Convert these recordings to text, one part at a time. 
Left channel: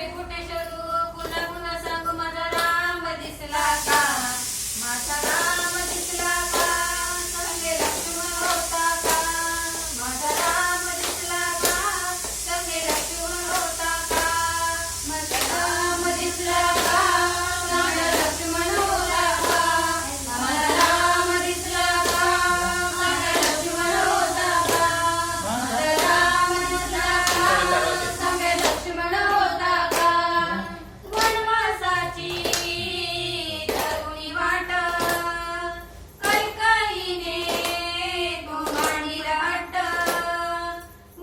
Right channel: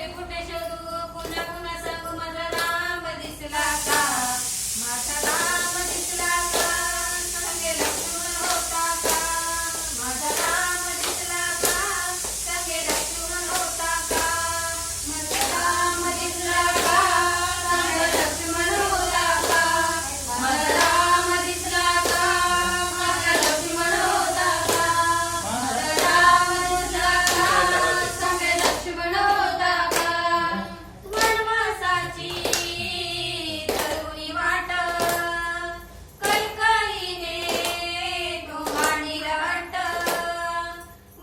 कुठे कुठे शोधू पुन्हा पुन्हा सांगू माझा राम दिसला का माझा राम दिसला का संगे लक्ष्मण होता का माझा राम दिसला का संगे लक्ष्मण होता का माझा राम दिसला का संगे लक्ष्मण होता का माझा राम दिसला का संगे लक्ष्मण होता का माझा राम दिसला का संगे लक्ष्मण होता का वनवासाची तरुणी वाट कैकईने गोमाणी राट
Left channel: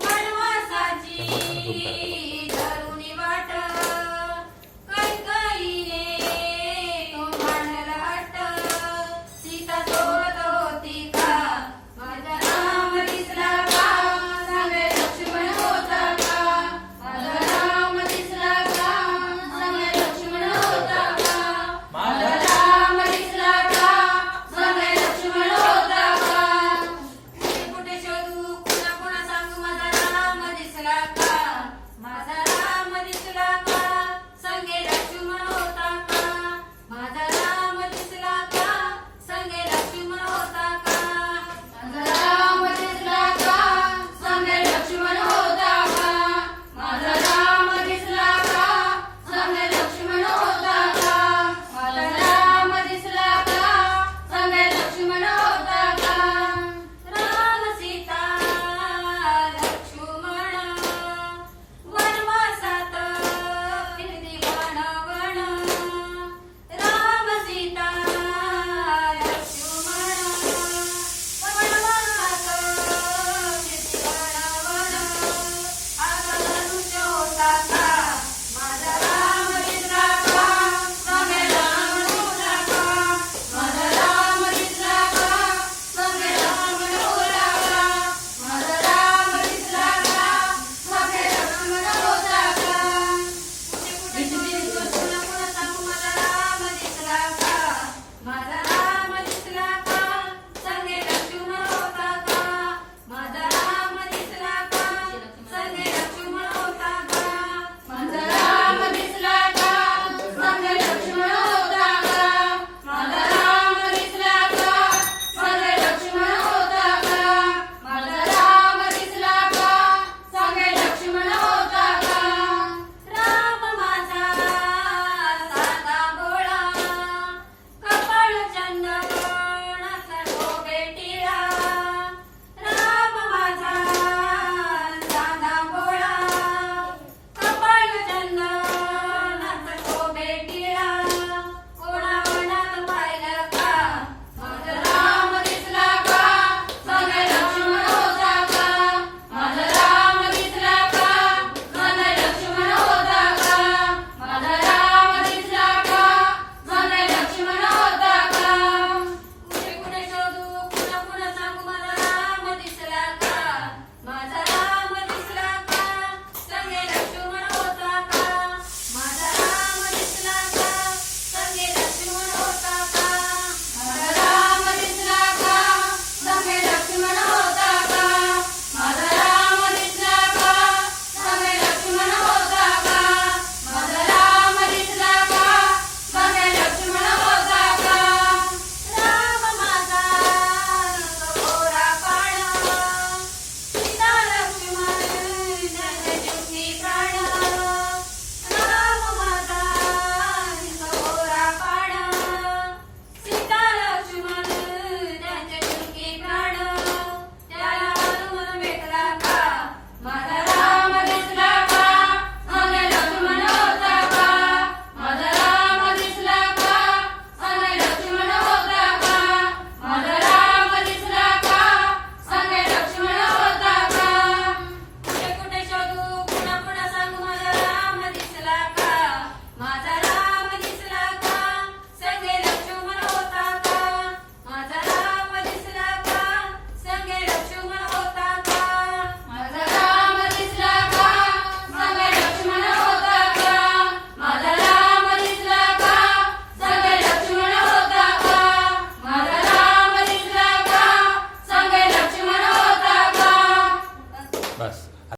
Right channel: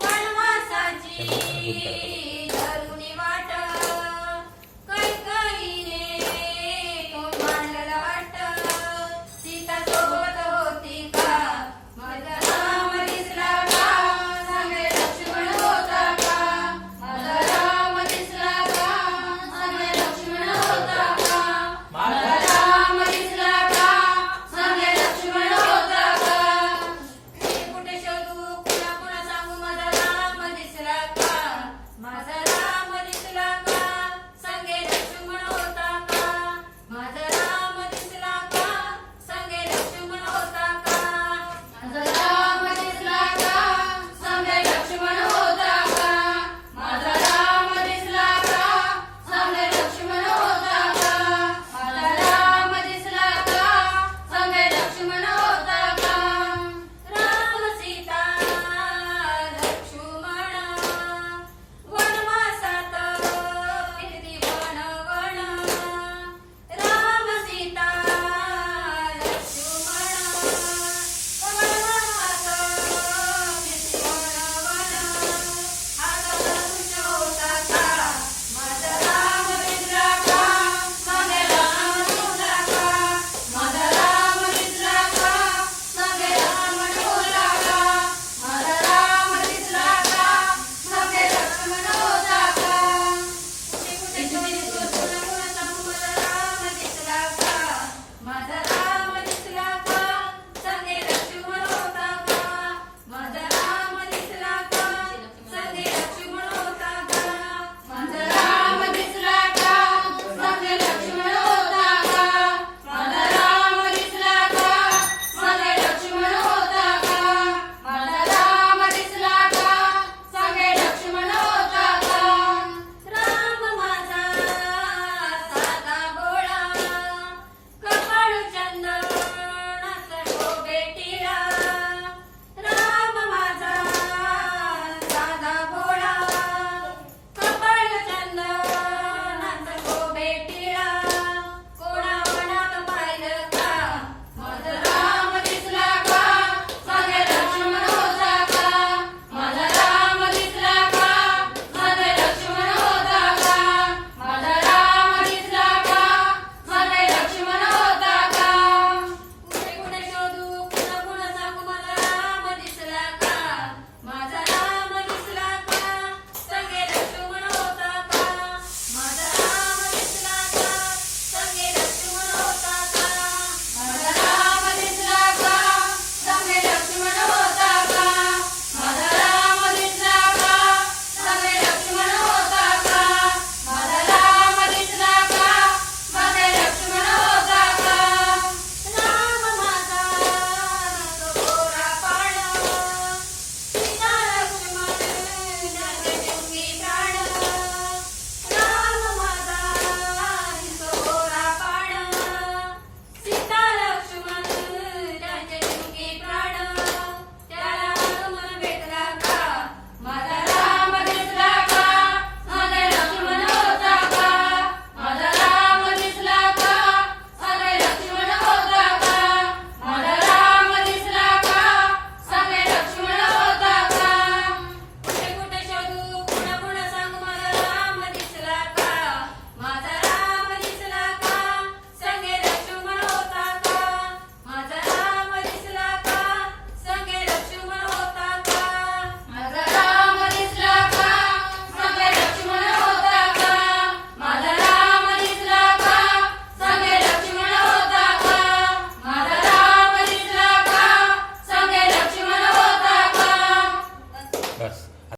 वनवासाची तरुणी वाट कैकईने गोमाण राट सीता सोबत होती का माझा राम दिसला का संगे लक्ष्मण होता का माझा राम दिसला का संगे लक्ष्मण होता का माझा राम दिसला का संगे लक्ष्मण होता का कुठे कुठे शोधू पुन्हा पुन्हा सांगू माझा राम दिसला का माझा राम दिसला